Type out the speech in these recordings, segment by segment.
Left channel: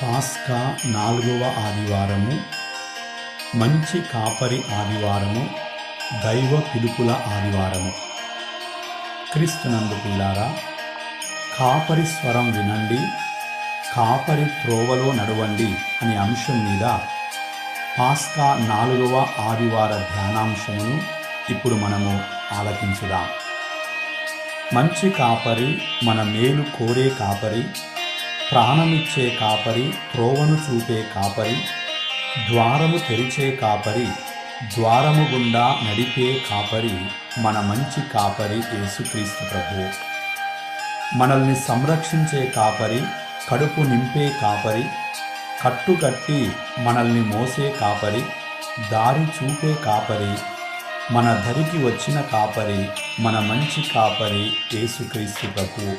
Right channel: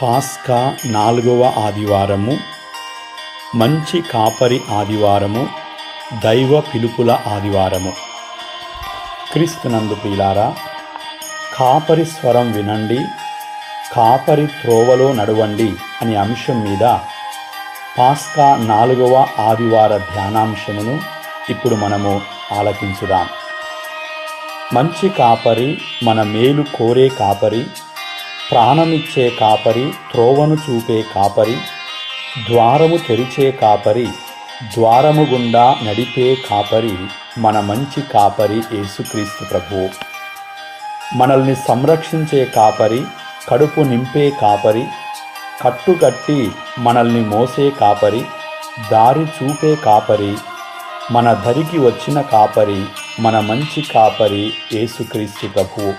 పాస్కా 4వ ఆదివారము, మంచి కాపరి ఆదివారము, దైవ పిలుపుల ఆదివారము. క్రీస్తునందు ప్రియులారా, కాపరి స్వరం వినండి, కాపరి త్రోవలో నడవండి అనే అంశం మీద పాస్కా 4వ ఆదివార ధ్యానాంశమును ఇప్పుడు మనము ఆలకించుదాం. మంచి కాపరి, మన మేలు కోరే కాపరి, ప్రాణమిచ్చే కాపరి, త్రోవను చూపే కాపరి, ద్వారము తెరిచే కాపరి, ద్వారము గుండా నడిపే కాపరి, మన మంచి కాపరి యేసుక్రీస్తు ప్రభువు. మనల్ని సంరక్షించే కాపరి, కడుపు నింపే కాపరి, కట్టుకట్టి మనల్ని మోసే కాపరి, దారి చూపే కాపరి, మన దరికి వచ్చిన కాపరి, మన మంచి కాపరి యేసుక్రీస్తు ప్రభువు.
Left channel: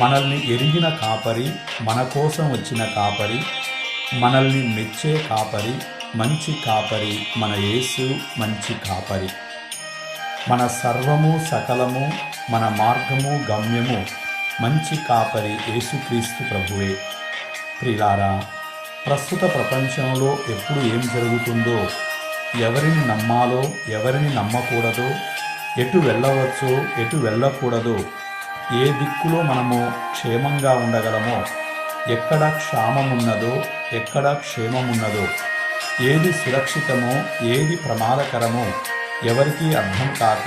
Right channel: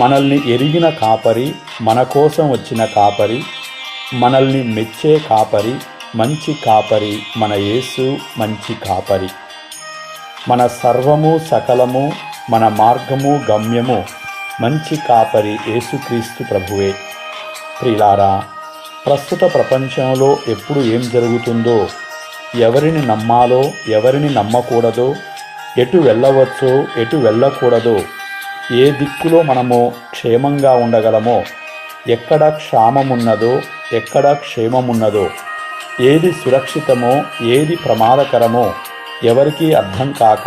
మనల్ని ఎరిగిన కాపరి, మన కోసం వచ్చిన కాపరి, మనల్ని మెచ్చే కాపరి, మంచి కాపరి మన యేసు మంచి కాపరి. మన సర్వము సకలము, మన మార్గము గమ్యము మంచి కాపరి యేసుక్రీస్తు ప్రభువే. ప్రియులారా, ప్రస్తుత ప్రపంచంలో ఎప్పుడు ఏం జరుగుతుందో, ఎవరిని నమ్మాలో ఎవరిని నమ్మకూడదో, ఎటు వెళ్ళవచ్చో ఎటు వెళ్ళకూడదో, ఏ దిక్కులో మనము క్షేమంగా ఉండగలమో, ఎక్కడ క్షామమున్నదో ఎక్కడ క్షేమమున్నదో, ఏది సురక్షితమో ఏది ప్రమాదకరమో ఎవరికీ అర్థం కాక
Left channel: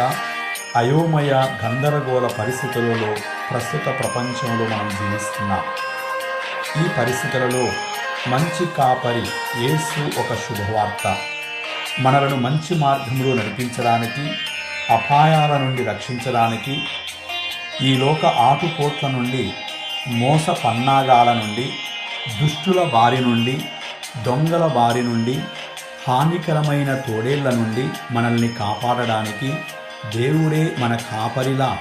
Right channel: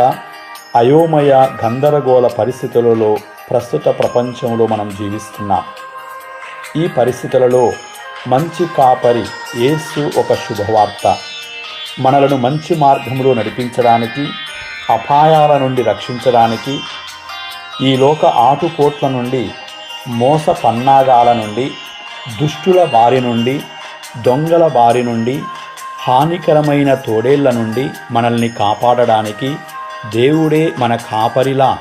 అయోమయ గందరగోళ పరిస్థితులలో ప్రస్తుత ప్రపంచంలో మనం జీవిస్తున్నాం. ఈ పరిస్థితులలో మంచి కాపరి యేసు ఒక శుభవార్త. మనలను మంచి మార్గంలో నడిపించడానికి, అపాయాల నుండి రక్షించడానికి, ఈ లోక ఆటుపోట్ల నుండి, మోస పన్నాగాల నుండి, దుష్టుల బారి నుండి, దొంగల బారి నుండి, హానికరమైన తోడేళ్ల నుండి మనల్ని కాపాడడానికి దేవుడే మన కాపరిలా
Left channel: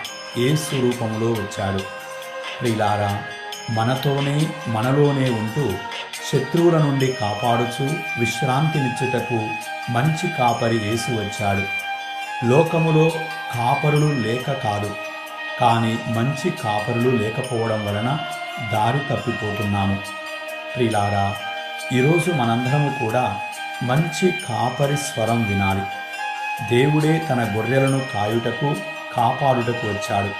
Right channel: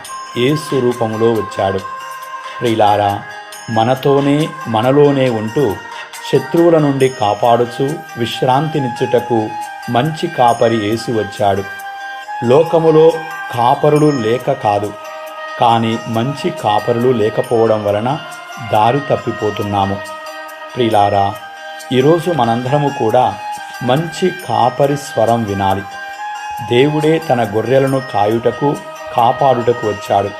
యేసు రూపంలో వచ్చాడు. ప్రియులారా, మనతోనే మనలోనే ఉంటూ శత్రువుల నుండి కాపాడుచు విశ్రాంతినిచ్చుటకు మంచి కాపరి యేసు వచ్చాడు. లోకములో కాపరులు లేక కాదు, కానీ మంచి కాపరులు లేకపోవడం వలన దారి తప్పిపోతున్నాము. ప్రియులారా, ఈరోజు మనందరము కూడా మంచి కాపరి స్వరం వినాలి. దేవుడే తన గొర్రెలను కాయుటకు, కాపాడుటకు వచ్చాడు.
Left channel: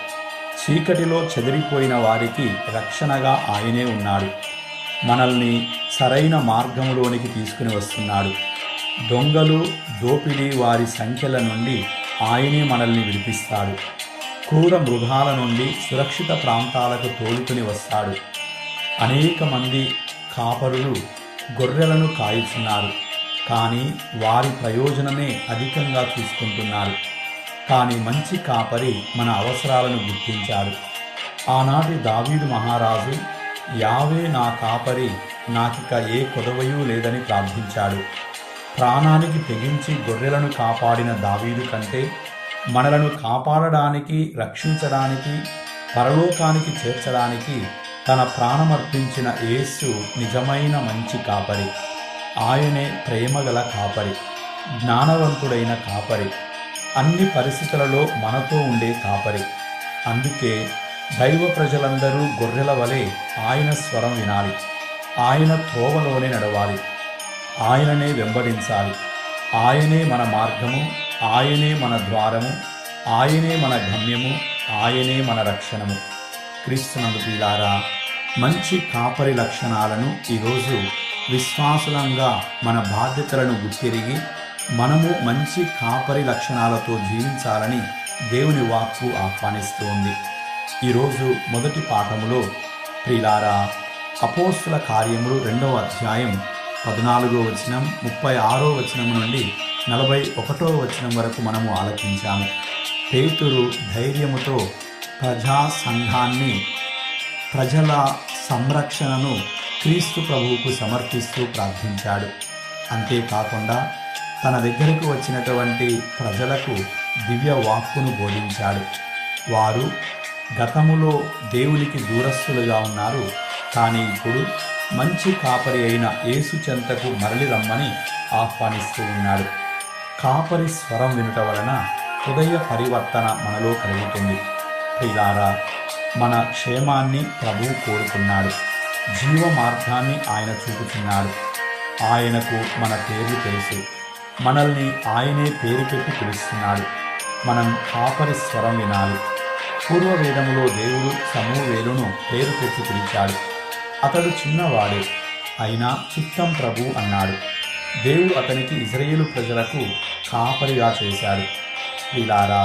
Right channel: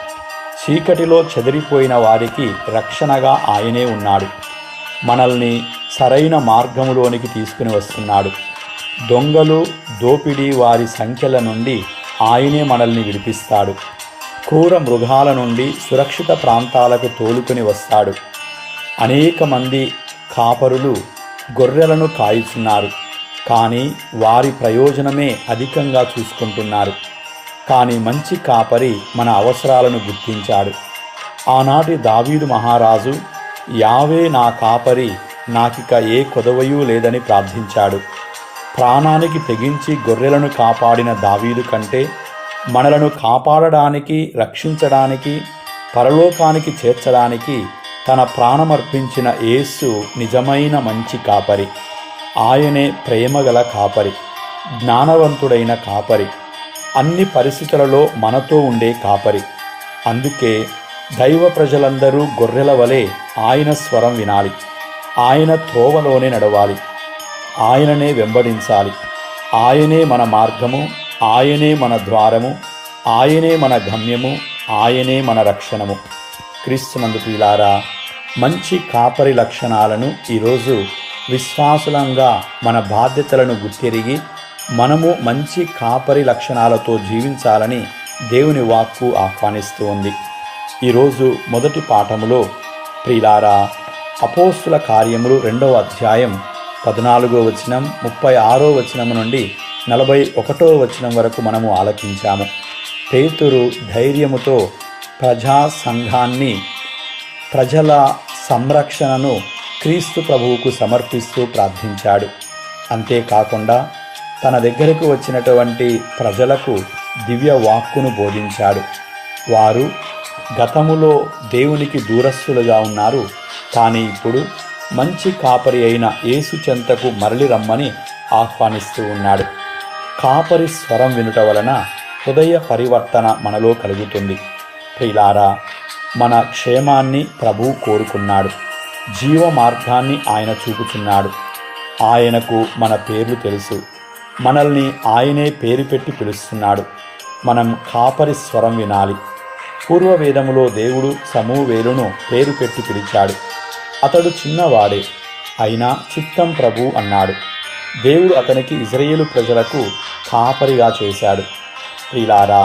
చీకటిలో చెదిరిపోయిన వారికి రక్షణగా ఆయనే ఉన్నాడు. మనల్ని సరైన మార్గములోనికి తీసుకుని వస్తున్నాడు. దొంగలు, దోపిడీ వారి సంఖ్యల నుండి ఆయనే మనల్ని విడిపిస్తాడు. క్రూర మృగాల నుండి సురక్షిత ప్రాంతాలకు తోలుకొని వస్తాడు. అనేక మంది కాపరులు గొర్రెలను కాయుచున్నారు, కానీ వారి ప్రయోజనమే అధికంగా చూసుకుంటున్నారు. కానీ మంచి కాపరి మన అవసరాలను గుర్తించాడు. ఆనాటి దావీదు మహారాజు, యావే నా కాపరి, నాకిక ఏ కొదవయూ లేదని ప్రార్థించాడు. ప్రాణానికి తెగించి గొర్రెలను కాపాడిన దావీదు కంటే మనలను కాపాడడానికి, రక్షించడానికి, పరలోకానికి చేర్చడానికి తన ప్రాణమర్పించిన యేసు నిజమైన మంచి కాపరి. ఆయనే ప్రేమగల కాపరి, జ్ఞానవంతుడైన కాపరి, అన్ని పరిస్థితులలో మనతో ఉండే కాపరి. అందుకే దైవ ప్రజలందరూ గొర్రెల వలె ఆయన స్వరం వినాలి, ఆయన త్రోవలోనే నడవాలి, ఆయననే వెంబడించాలి. ఆయనే మన మార్గము, ఆయనే మన ద్వారము, ఆయనే మన గమ్యము, ఆయనే మన రక్షణము. క్రీస్తునందు ప్రియులారా, మంచి కాపరి లక్షణాలను ఈరోజు విశ్వాసులంగా మన బాధ్యతలను గుర్తెరిగి మనము మంచి కాపరి లక్షణాలతో జీవించాలని దేవుని వాక్కు ఆహ్వానిస్తూ ఉంది. ఈరోజు మొదటి పాఠములో ప్రియులారా, అపోస్తుల కార్యములు 2వ అధ్యాయం 14వ వచనం, 36వ వచనం నుండి 41వ వచనం వరకు మనము ఆలకించాము. పేతురు ధైర్యముతో ప్రజా సంఘాన్ని, ప్రజల సంరక్షణను క్రీస్తు ప్రభువుకు సమర్పిస్తూ ప్రార్థించాడు. అంతేకాకుండా తన దగ్గరకు వచ్చినటువంటి ప్రజలకు దివ్య వాక్కును బోధించాడు. వారు గతములో దేవునికి దూరస్తులుగా ఉన్నారు, కానీ ఇప్పుడు మంచి కాపరి అయిన యేసు చెంతకు మరలి రమ్మని ఆహ్వానిస్తూ ఉన్నాడు. కాపరి స్వరం వినుట వలన హృదయ పరివర్తన మనలో కలుగుతుంది. ప్రియులారా, మన క్షేమాన్ని ప్రభువు కోరుకున్నాడు. జీవ మార్గాన్ని ఆయన చూపుచున్నాడు. ఆయనకు మన పేర్లు తెలుసు. మనల్ని ఆయనే పేరు పెట్టి పిలుస్తున్నాడు. మనం కాపరి స్వరం వినాలి. పూర్వవేదములో దేవుడు సమూవేలును పేరు పెట్టి పిలిచాడు. అతడు చిన్నవాడే, అయినా చిత్తం ప్రభు అన్నాడు. దేవుడు అతనికి ఇజ్రాయేలు ప్రజలకు కాపరిగా చేశాడు. ప్రియులారా,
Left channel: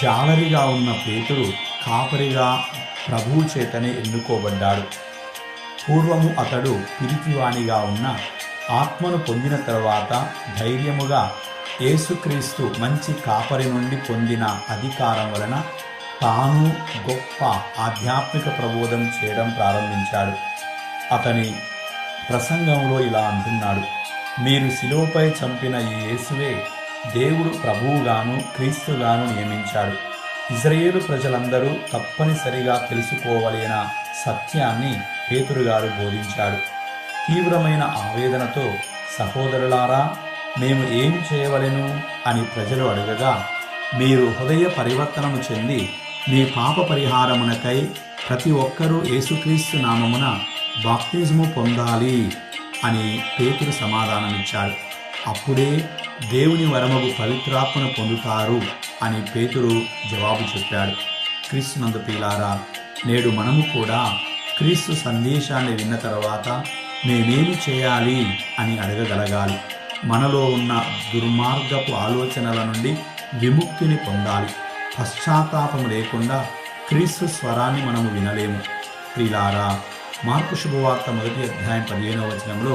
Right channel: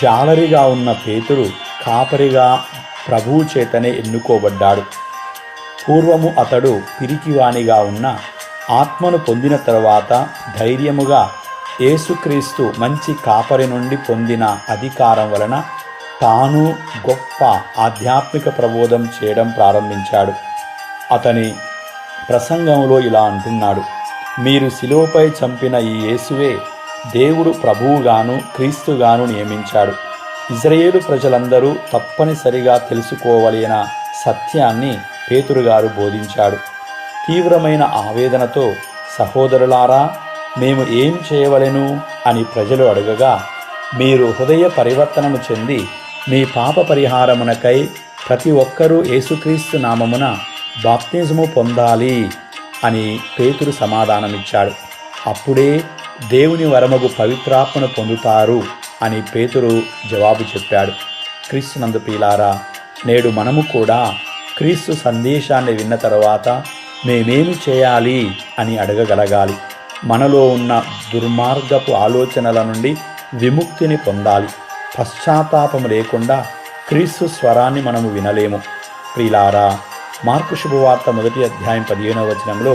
జాలరిగా ఉన్న పేతురు కాపరిగా ప్రభువు చేతనే ఎన్నుకోబడ్డాడు. పూర్వము అతడు పిరికివానిగా ఉన్న ఆత్మను పొందిన తరువాత ధైర్యముగా యేసుక్రీస్తు మంచి కాపరి నుండి పొందిన అధికారం వలన తాను గొప్ప ఆధ్యాత్మిక ప్రబోధం చేయడం ప్రారంభించాడు. అతని ప్రసంగంలో ఇలా అంటున్నాడు: మీరు శిలువపై చంపిన ఈ యేసువే దేవుడు ప్రభువుగాను క్రీస్తుగాను నియమించాడు. ఇజ్రాయేలు ప్రజలందరూ తప్పనిసరిగా తెలుసుకోవలసిన సత్యాన్ని పేతురుగారు బోధించాడు. తీవ్రమైన ఆవేదనతో, సహోదరులారా, మేము ఏం చేయవలెను అని ప్రజలు అడగగా, మీరు హృదయ పరివర్తనము చెంది మీ పాప పరిహారమునకై ప్రతి ఒక్కరూ యేసుక్రీస్తు నామమున బాప్తిజము పొందాలి అని పేతురు సమాధానమిచ్చాడు. అప్పుడే దేవుని వరమగు పవిత్రాత్మను పొందుతారు అని పేతురు జవాబు చెప్పాడు. క్రీస్తునందు ప్రియులారా, నేడు మనము కూడా క్రీస్తు సందేశాన్ని విన్న తర్వాత మేమేమి చేయాలి అని అడగగలగాలి. మనలో ఉన్న దుర్మార్గపు ఆలోచనల నుండి విముక్తిని పొందాలి. పశ్చాత్తాపం లేకుండా క్రీస్తు స్వరాన్ని మనము వినలేము. ప్రియులారా, మార్కు శుభవార్త 1వ అధ్యాయం 15వ వచనంలో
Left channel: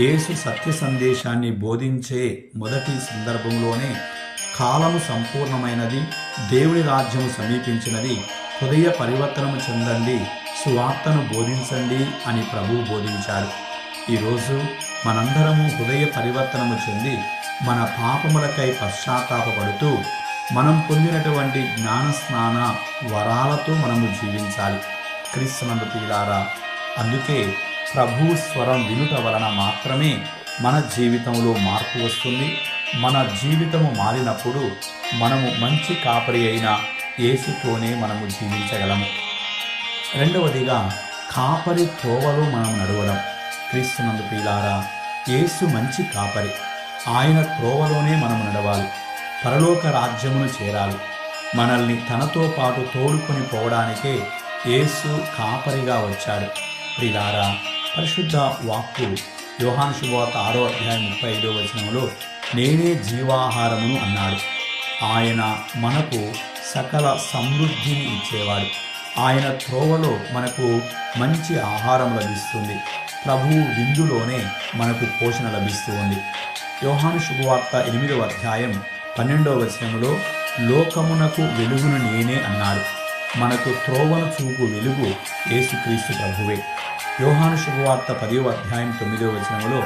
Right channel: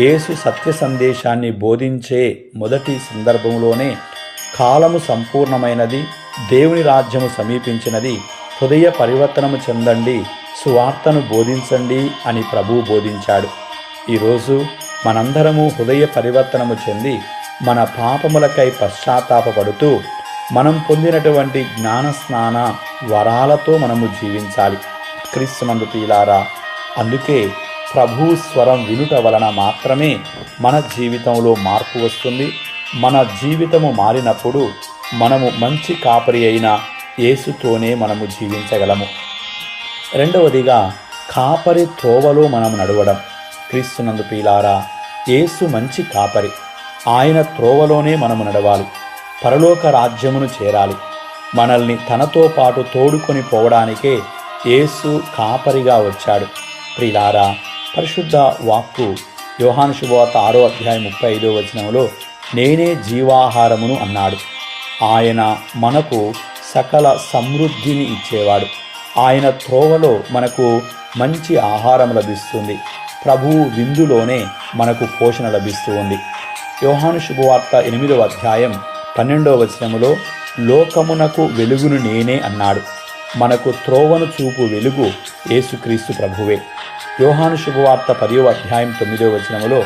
యేసు సత్య సందేశాన్ని బోధించే మొదటి సందర్భంలోనే కాలము సంపూర్ణమైనది, దేవుని రాజ్యము సమీపించినది, హృదయ పరివర్తనము చెందండి, సువార్తను బోధించండి అని ప్రభువు బోధించాడు. ఈరోజు మనందరము హృదయ పరివర్తనము చెంది మన పాపములకై పశ్చాత్తాపపడుతూ మనం పొందినటువంటి జ్ఞానస్నాన వరాలతో మనము జీవించాలి. క్రీస్తునందు ప్రియులారా, అందుకే ప్రభు స్వరం వినుట వలన మాత్రమే మన జీవితంలో మార్పు వస్తుంది. మన జీవితము మారినప్పుడు మనము మంచి కాపరి అయిన యేసుతోనే మనము జీవించగలము. రెండవదిగా, కాపరి త్రోవలో మనం నడవడం. క్రీస్తునందు ప్రియులారా, యేసు మంచి కాపరి. ఆయన త్రోవలోనే మనము నడవాలి. పరలోక రాజ్యమును చేరాలి. మనల్ని తనతో పాటు తోడుకొని పోవడానికే యేసు కాపరిగా వచ్చాడు. ప్రియులారా, పరిశుద్ధ వాక్కు యోహాను శుభవార్త 6వ అధ్యాయం 35వ వచనంలో నేనే జీవాహారమును అన్నాడు. ఆయన మనకు సకల సమృద్ధిని ఇచ్చేవాడు. ఆయన త్రోవలో మనకు మంచి ఆహారం లభిస్తుంది. ప్రభువు విందులోనే మనకు పోషణ లభిస్తూ ఉంది. యోహాను శుభవార్త 8వ అధ్యాయం 12వ వచనములో లోకమునకు వెలుగును నేనే అన్నాడు. మనకు త్రోవను చూపు వెలుగు యేసుక్రీస్తు ప్రభువే. యోహాను శుభవార్త 10వ అధ్యాయం 9వ వచనములో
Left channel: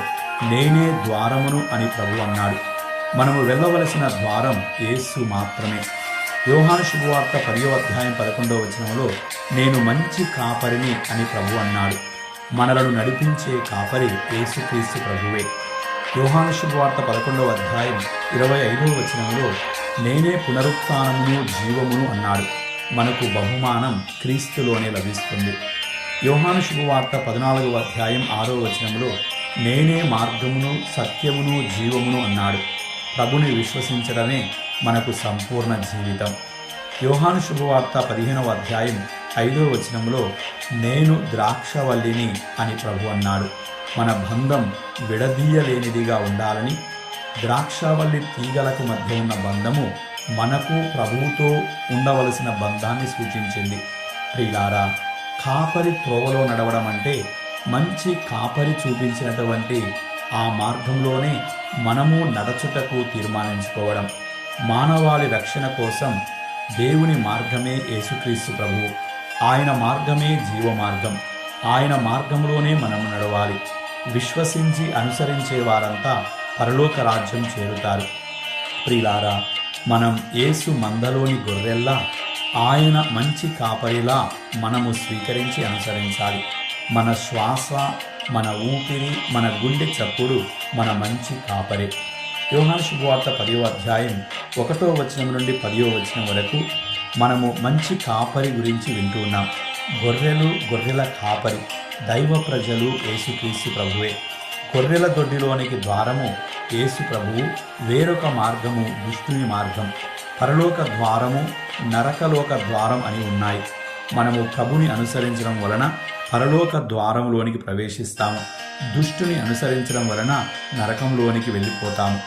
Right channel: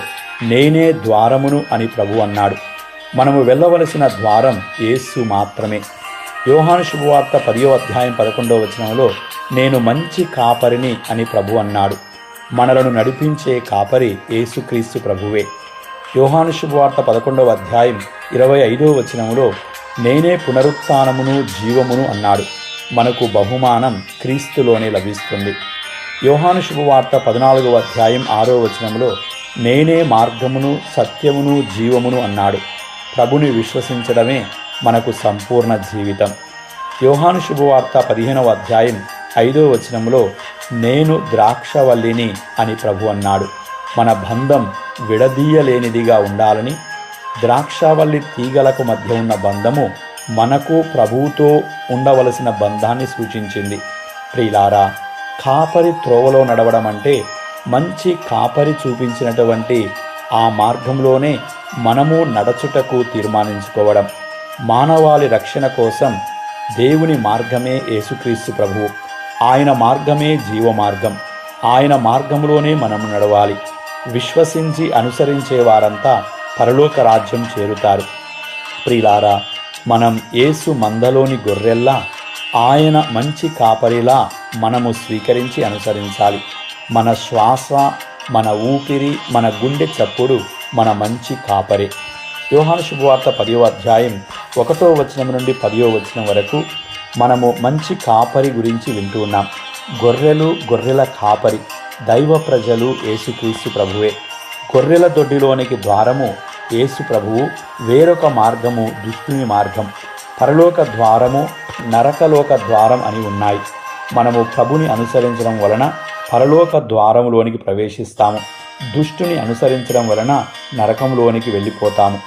నేనే ద్వారమును అని ప్రభు అన్నాడు. మనము వెళ్ళవలసిన ద్వారం యేసు మాత్రమే. యోహాను శుభవార్త 10వ అధ్యాయం 11వ వచనంలో నేను మంచి కాపరిని అని ప్రభు అన్నాడు. మనలను నడిపించే కాపరి యేసుక్రీస్తు ప్రభువే. యోహాను శుభవార్త 11వ అధ్యాయం 25వ వచనంలో నేనే పునరుత్థానమును జీవమును అన్నాడు. మనకు బహుమానం క్రీస్తులోనే లభిస్తుంది. యోహాను శుభవార్త 14వ అధ్యాయం 6వ వచనంలో నేనే మార్గమును సత్యమును జీవమును అన్నాడు. ప్రభుని విశ్వసించడమే మనకు సంపూర్ణ జీవితం. యోహాను శుభవార్త 15వ అధ్యాయం 5వ వచనంలో నేను ద్రాక్షవల్లిని అని ప్రభు అన్నాడు. మన బంధం విడదీయలేనిదిగా ఉండాలని, ద్రాక్షవల్లి తీగలకు మధ్య ఉన్న బంధము మనకు ప్రభువుతో ఉండవలసిన బంధాన్ని సూచించింది. ప్రియులారా, కాపరి త్రోవలో నడవడం అంటే మంచి కాపరి చూపించినటువంటి ఆ మార్గంలోనే మనము నడచుటకు తీర్మానించుకోవడం. మానవాళి రక్షణ కోసం దేవుని మార్గమే యేసుక్రీస్తు ప్రభువు. ఆయన మార్గమే జీవ మార్గం. ఆయన మార్గంలోనే మనము నడవాలి. విశ్వసించి అనుసరించే వారంతా పరలోక రాజ్యం చేరుతారు. ప్రియులారా, మనం యేసు మందలోని గొర్రెల్లా ఆయన మంచి కాపరిలా మనము స్వీకరించి అనుసరించాలి. మన శ్వాస, మన ఊపిరి, మన గుండె చప్పుడు మన మంచి కాపరి. యోహాను శుభవార్త 10వ అధ్యాయం 1వ వచనం నుండి 10వ వచనం వరకు మనము మంచి కాపరి గురించి వింటూ ఉన్నాం. గొర్రెలు, గొర్రెల కాపరి, దైవ ప్రజలు యేసుక్రీస్తు ప్రభువే. గొర్రెల దొడ్డిలోనికి ద్వారము యేసు ప్రభువు, వేరొక మార్గము దుష్టుని మార్గం, పరలోక ద్వారము, నరకలోక ద్వారం అని ఉన్నాయి. మనము ప్రభుని అనుసరించడం వలన పరలోక ద్వారములోనికి ప్రవేశిస్తాము. దుష్టుని అనుసరించడం వలన నరకంలోనికి వెళ్ళిపోతాము.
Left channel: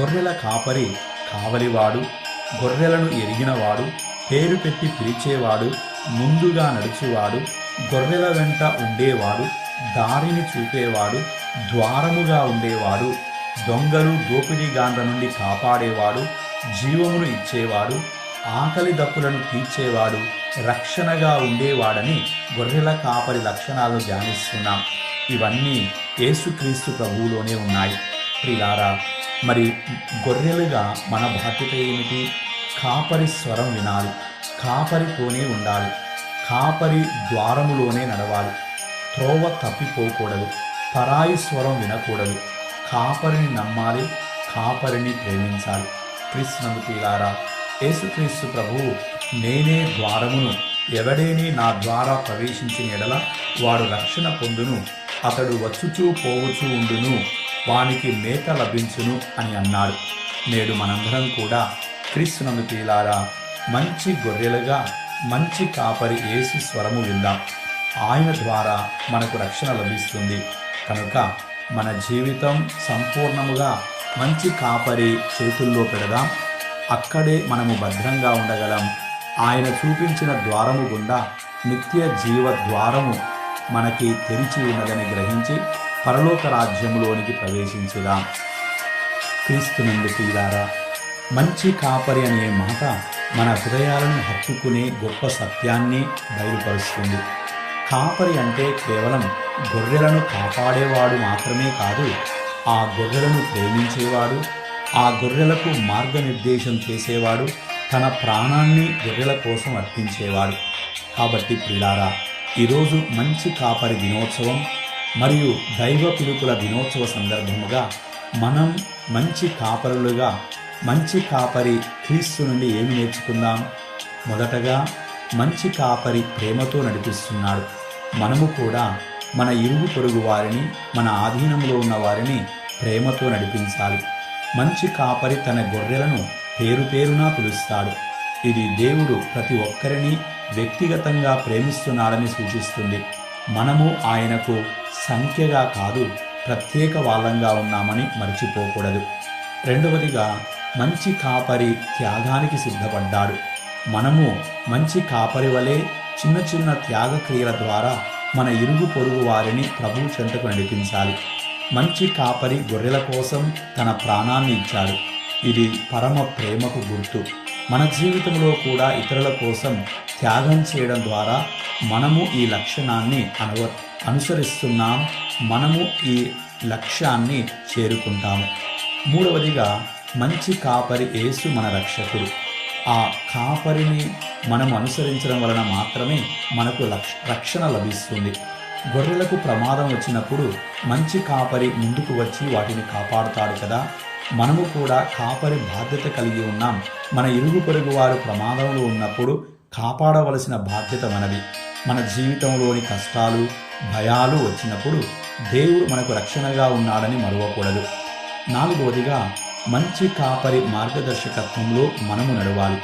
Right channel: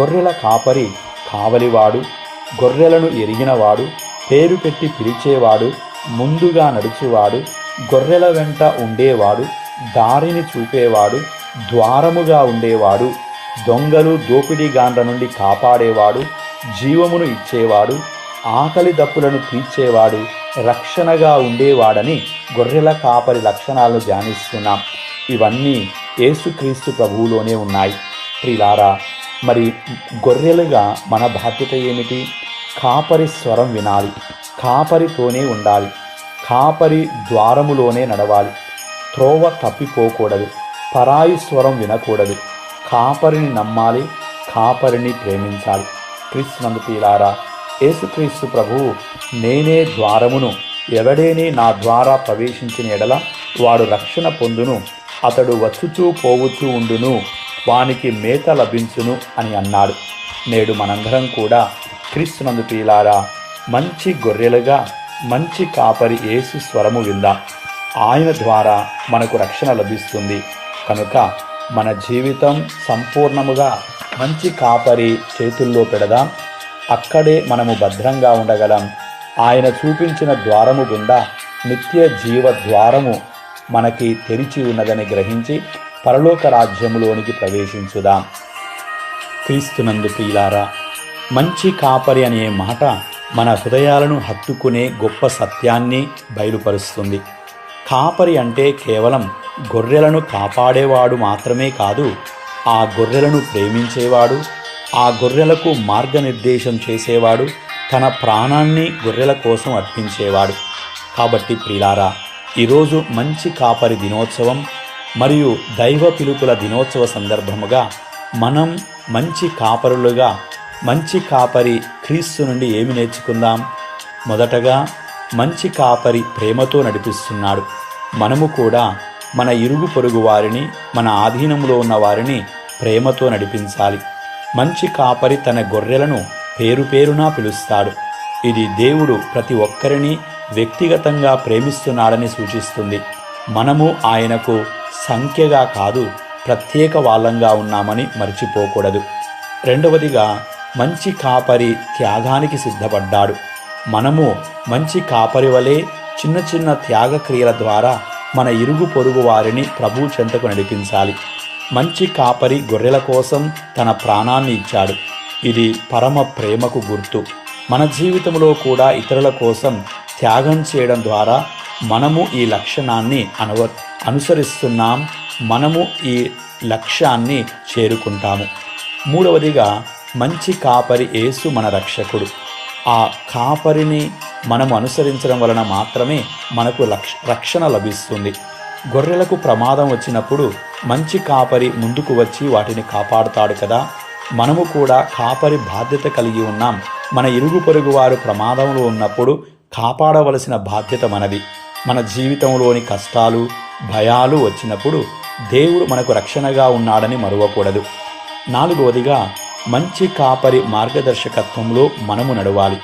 గొర్రెల కాపరి కావలివాడు, గొర్రెలను ఎరిగినవాడు, పేరు పెట్టి పిలిచేవాడు, ముందుగా నడిచేవాడు, గొర్రెల వెంట ఉండేవాడు, దారిని చూపేవాడు, ద్వారముగా ఉండేవాడు, దొంగలు దోపిడీగాండ్ర నుండి కాపాడేవాడు, జీవమును ఇచ్చేవాడు, ఆకలి దప్పులను తీర్చేవాడు, రక్షణగా ఉండేవాడని గొర్రెల కాపరి లక్షణాలను ధ్యానిస్తున్నాం. ఇవన్నీ యేసుక్రీస్తు ప్రభువులోనే ఉన్నాయి. ప్రియులారా, మరి గొర్రెలుగా మన బాధ్యత ఏమిటి? కాపరి స్వరం వినాలి, కాపరితోనే ఉండాలి, కాపరి ద్వారములోనే నడవాలి, త్రోవ తప్పిపోకూడదు, పరాయి స్వరం వినకూడదు, కాపరిని నమ్మాలి, కాపరిని ప్రేమించాలి. క్రీస్తునందు ప్రియులారా, యేసుక్రీస్తు ప్రభువు నేనే ద్వారమును, ఎవడేనే నా ద్వారా ప్రవేశించిన ఎడల వాడు రక్షణ పొందును, అతడు వచ్చుచూ పోవుచూ ఉండును, వానికి మేత లభించును అని అన్నాడు. నేడు మనందరం కూడా క్రీస్తునందు ప్రియులారా, మంచి గొర్రెలుగా మంచి కాపరి యేసు స్వరము విందాం. ఆయన ద్వారా మనకు రక్షణ లభిస్తుంది. కనుక మన జీవితం సంపూర్ణముగా మంచి కాపరి చేతుల్లో పెడదాం. అక్కడే మనము భద్రంగా ఉండగలం. ఆయన చూపించిన ద్వారము గుండా నిత్య జీవ ద్వారము మనకి తెరిచి ఉన్నదని గ్రహించి పరలోక రాజ్యములోనికి ప్రవేశించుదాం. క్రీస్తునందు ప్రియులారా, మంచి కాపరి అనే మాట మన హృదయాలను హత్తుకునే గొప్ప సత్యాన్ని బయలుపరుస్తుంది. కాపరి అంటే కేవలం గొర్రెలను కాపాడేవాడు మాత్రమే కాదు, ఆ గొర్రెలను ప్రేమించేవాడు, ఆ గొర్రెలకు మార్గనిర్దేశం చేసేవాడు, తన ప్రాణాన్ని గొర్రెల కోసం అర్పించేవాడు. కాబట్టి ప్రియులారా, ఈరోజు మంచి కాపరి దినోత్సవం మరియు దైవ పిలుపుల దినోత్సవ సందర్భముగా మనం మంచి కాపరులుగా, మంచి కాపరి క్రీస్తు నుండి ఏమి నేర్చుకుందాం? మొదటగా, మంచి కాపరి ప్రేమతో నడిపిస్తున్నాడు. మనము కూడా మన ఇరుగు పొరుగు వారిని, మన ఆధీనంలో ఉన్న వారిని ప్రేమతో నడిపించాలి. మంచి కాపరి తన గొర్రెలను పేరు పేరునా పిలుస్తాడు. ఇది దేవుడు ప్రతి ఒక్కరిని వ్యక్తిగతంగా ప్రేమిస్తున్నాడని సూచిస్తుంది. మనము ఆయనకు సంఖ్యగా కాదు, ప్రత్యేక వాళ్ళంగా ఉన్నామని మర్చిపోకూడదు. రెండవదిగా, మంచి కాపరి త్యాగానికి సిద్ధపడ్డాడు. మనము మంచి కాపరి వలె చిన్న చిన్న త్యాగ క్రియల ద్వారా మన ఇరుగు పొరుగు వారిని ప్రభు చెంతకు నడిపించాలి. మంచి కాపరి గొర్రెల కోసం తన ప్రాణాన్ని ఇచ్చాడు. ఇది పరమ ప్రేమకు గుర్తు. మన జీవితంలో కూడా ఇతరుల కోసం త్యాగం చేయడం ద్వారా మనము ఈ లక్షణాన్ని అనుసరిస్తున్నాం. మనము ఈ లక్ష్యాన్ని చేరుకుంటాము. మూడవదిగా, మంచి కాపరి యేసు మన రక్షకుడు. ఆ కాపరిని మనము అనుసరించడం వలన మాత్రమే మనకు రక్షణ లభిస్తుంది. గొర్రెలకు ప్రమాదం వచ్చినప్పుడు మంచి కాపరి ముందుకు వచ్చి వాటిని కాపాడుతాడు కదా. మనము కూడా కాపరి బాధ్యత కలిగి ఉన్నాం. మన ఇరుగు పొరుగు వారు ప్రమాదంలో ఉన్నప్పుడు కాపాడవలసిన బాధ్యత మనది. మన జీవితంలోని కష్టాలు, భయాలు వచ్చినప్పుడు దేవుడు మనకు రక్షణగా ఉన్నాడని మరువకూడదు. నాలుగవదిగా, మంచి కాపరి మార్గదర్శకత్వంలో మనము నడవాలి.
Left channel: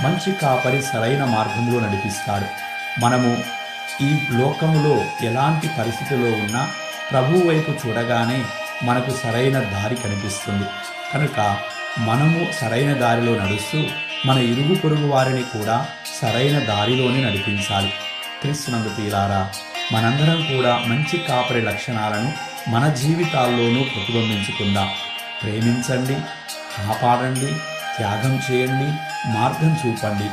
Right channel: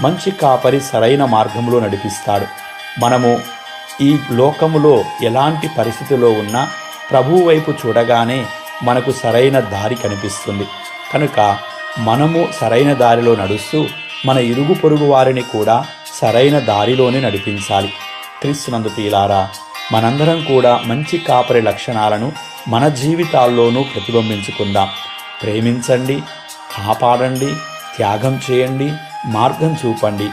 మంచి కాపరి సరైన మార్గంలో నడిపిస్తాడు. మనము ఈ లోకములో ఎలాంటి పరిస్థితిలో ఉన్నా ప్రభువు వైపు చూడగానే మనకు సరైన దారి కనిపిస్తుంది. కనుక మనము సరైన దారిలో నడుస్తూ మన ఇరుగు పొరుగు వారిని కూడా సరైన దారిలోనే నడిపించాలి. క్రీస్తునందు ప్రియులారా, మనందరం కూడా మంచి కాపరి లక్షణాలను మన జీవితాల్లోనూ ప్రతిబింబించుకుందాం. ప్రేమించండి, కాపాడండి, త్యాగం చేయండి, మార్గం చూపండి.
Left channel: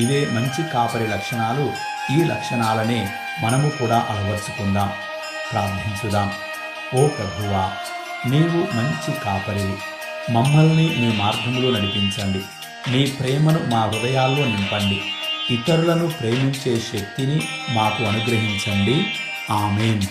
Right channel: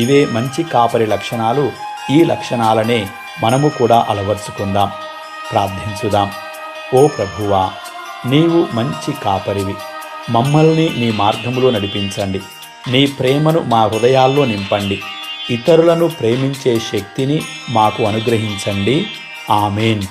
ఇవే మంచి కాపరి లక్షణాలు. ఈ లక్షణాలనే మనము కూడా అలవర్చుకుందాం. ప్రార్థించుదాం. ఓ ప్రభువా, నీవు మంచి కాపరివి. మమ్మల్ని నీ మార్గంలో నడిపించండి. నీ ప్రేమను మా హృదయాల్లో నింపండి. ఇతరులను ప్రేమించే శక్తిని మాకు అనుగ్రహించండి. ఆమేన్.